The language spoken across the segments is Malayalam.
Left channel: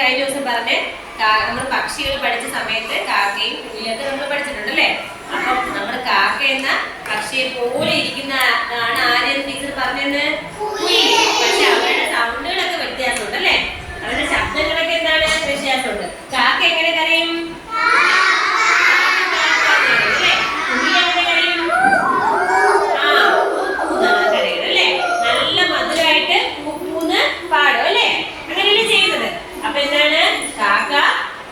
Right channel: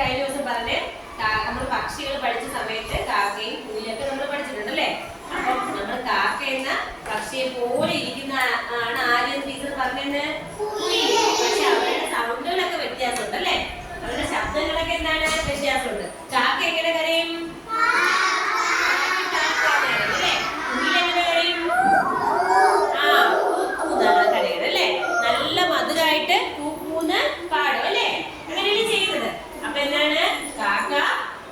കഴിഞ്ഞ ദിവസം പറഞ്ഞ് നമ്മൾ പക്ഷികൾ പഠിച്ച സമയത്ത് കാക്കയും കുയിലൊക്കെ നമ്മൾ പഠിച്ചിട്ടുണ്ട് അല്ലേ അപ്പം നമ്മൾ കാക്ക എന്ന പക്ഷിയെ പോലെ ഇരിക്കുന്ന ആണ് ആരെന്ന് ടീച്ചർ കുയിൽ പക്ഷെ അവരുടെ സൗണ്ടുകളൊക്കെ വ്യത്യാസമുണ്ട് അല്ലേ അവരുടെ ശബ്ദങ്ങളൊക്കെ എന്താണ് വ്യത്യാസമുണ്ട് കാക്ക എങ്ങനെ കരയും അല്ലേ? കുയിൽ എങ്ങനെ കരയും? ആ, കൂക്കൂന്നാണ് കരയുന്നത് അല്ലേ? നല്ല മധുരമായിട്ട് കൂക്കൂന്ന് പാടും അല്ലേ അങ്ങനെയല്ലേ ചെയ്യുന്നത് അപ്പൊ എന്താണ് കാക്ക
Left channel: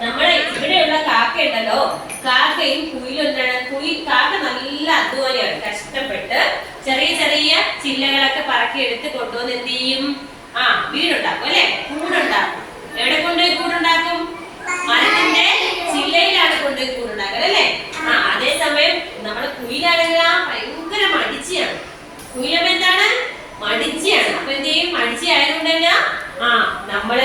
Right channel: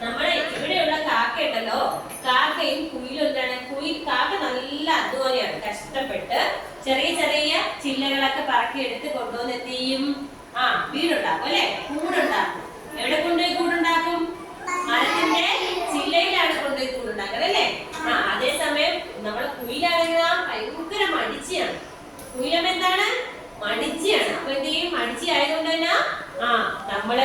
നമ്മുടെ ഇവിടെയുള്ള കാക്ക ഉണ്ടല്ലോ. കാക്കയും കുയിലും എന്താണ്? കുയിൽ കാക്ക നല്ല അധ്വാനിയാണ് കഷ്ടപ്പെട്ട് ചെറിയ ചെറിയ ചില്ലകളൊക്കെ പറക്കി എടുത്ത് കൊണ്ടുവന്ന് എന്ത് ചെയ്യും? ആ വീടുണ്ടാക്കും അല്ലെ? കൂടുണ്ടാക്കും. എവിടെ കൊണ്ടുപോയി കൂടുണ്ടാക്കും? മരത്തിന്റെ ചില്ലയിലാണ് കൊണ്ടുപോയി കൂടുണ്ടാക്കുന്നത് അല്ലെ? ആ അതേസമയം നമ്മുടെ കുയിലാണെങ്കിൽ ഭയങ്കര മടിച്ചയാണ്. കുയിലമ്മ എന്താണ്? മടിച്ചയാണ്. അപ്പൊ എന്ത് ചെയ്യും? മടിച്ചയായതുകൊണ്ട് തന്നെ ആ നമ്മൾ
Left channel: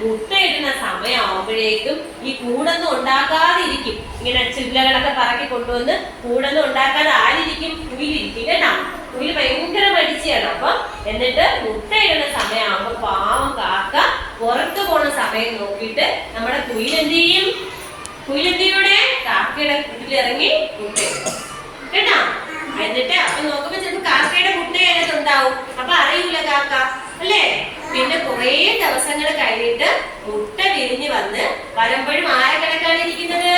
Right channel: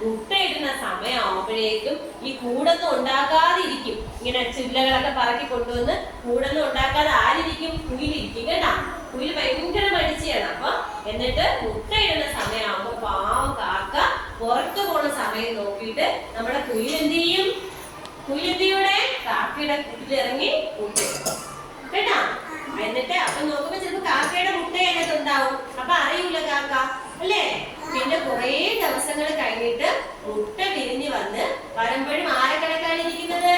മുട്ടയിടുന്ന സമയമാകുമ്പോഴേക്കും ഈ കൂടൊന്നും ഉണ്ടാക്കാതിരിക്കും ഇങ്ങനെ ചില്ലകളൊക്കെ പറക്കി കൊണ്ടുവന്ന് കൂടൊന്നും ഉണ്ടാക്കാതെ ആരിരിക്കും കുയിലിരിക്കും കേട്ടോ. കുയിൽ ഭയങ്കര മടിച്ചയാണ്. അപ്പൊ എന്നിട്ട് മുട്ടയിടുന്ന സമയമാകുമ്പോ പാവം കാക്ക പുറത്തു പോണ സമയം നോക്കിയിട്ട് നമ്മുടെ കുയിൽ എന്ത് ചെയ്യും കുയിലെന്തിയുടെ കാക്കയുടെ കൂട്ടിലിറങ്ങി മുട്ടയിടും. കേട്ടാ? എന്നിട്ട് അപ്പൊ നോക്കുമ്പോ ചിലപ്പോ കാക്കയുടെ മുട്ട അതിനകത്ത് ഉണ്ടാവും. അപ്പൊ അറിയൂല കാക്ക. അല്ലേ? പിന്നെ ദിവസങ്ങൾ കഴിഞ്ഞിട്ട് മുട്ട വിരിഞ്ഞ് വന്ന് വരുമ്പോഴും ആരെ കണക്കാണ് ഇരിക്കുന്നത്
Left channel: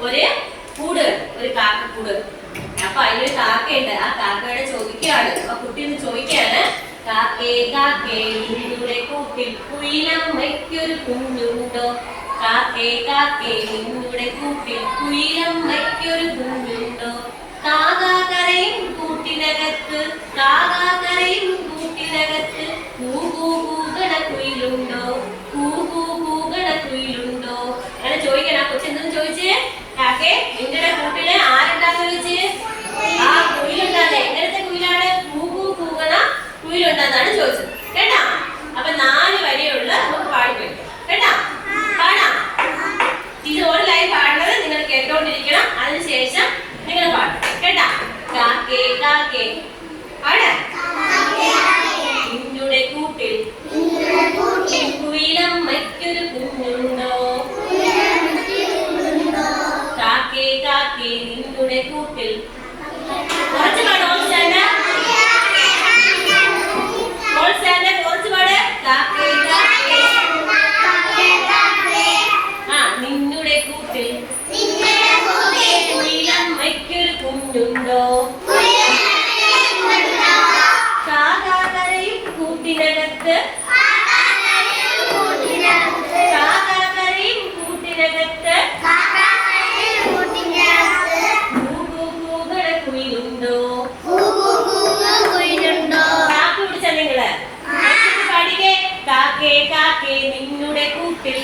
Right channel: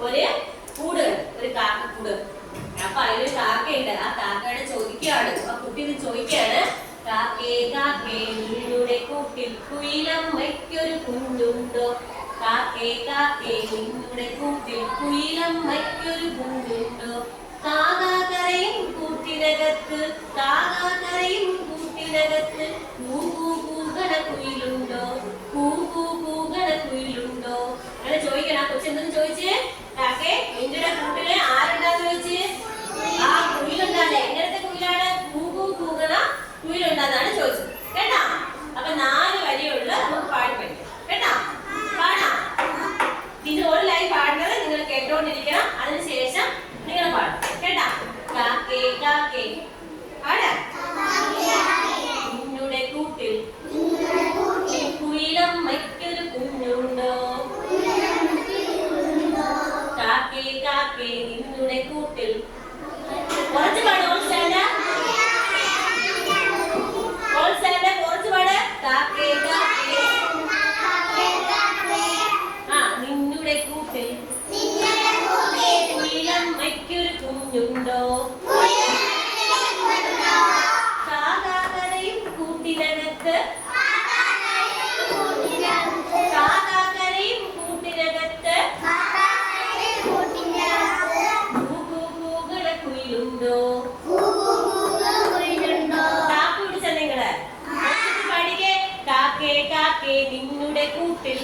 ഒരു കൂട് ഒരു കാക്ക കൂട്. അപ്പൊ അതിലൊരു കാക്കയുണ്ട്. ആ കാക്കയുടെ ചോദിക്കുകയാണ്. ആ കുട്ടി ഒന്ന് ചോദിക്കാണ് കാക്കേ കാക്കേ നിന്നുടെ കൂട്ടിൽ കുയിലമ്മയ്ക്കൊരു കുഞ്ഞുണ്ടോ? കാക്കേ കാക്കേ നിന്നുടെ കൂട്ടിൽ കുയിലമ്മയ്ക്കൊരു കുഞ്ഞുണ്ടോ? കാകാകരയും കൂട്ടിനകത്ത് കാകാകരയും കൂട്ടിനകത്ത് കൂകൂ കൂകണ കുയിലുണ്ടോ? കൂകൂ കൂകണ കുയിലുണ്ടോ? അങ്ങനെ ചോദിക്കണം കൊച്ചെന്തെന്ന് ചോദിച്ചേ? ചോദിച്ചത്. കാപ്പി കാപ്പി നിന്നുടെ കൂട്ടിൽ. കുറച്ച് പാടോ നിങ്ങളുടെ കൂട്ടിൽ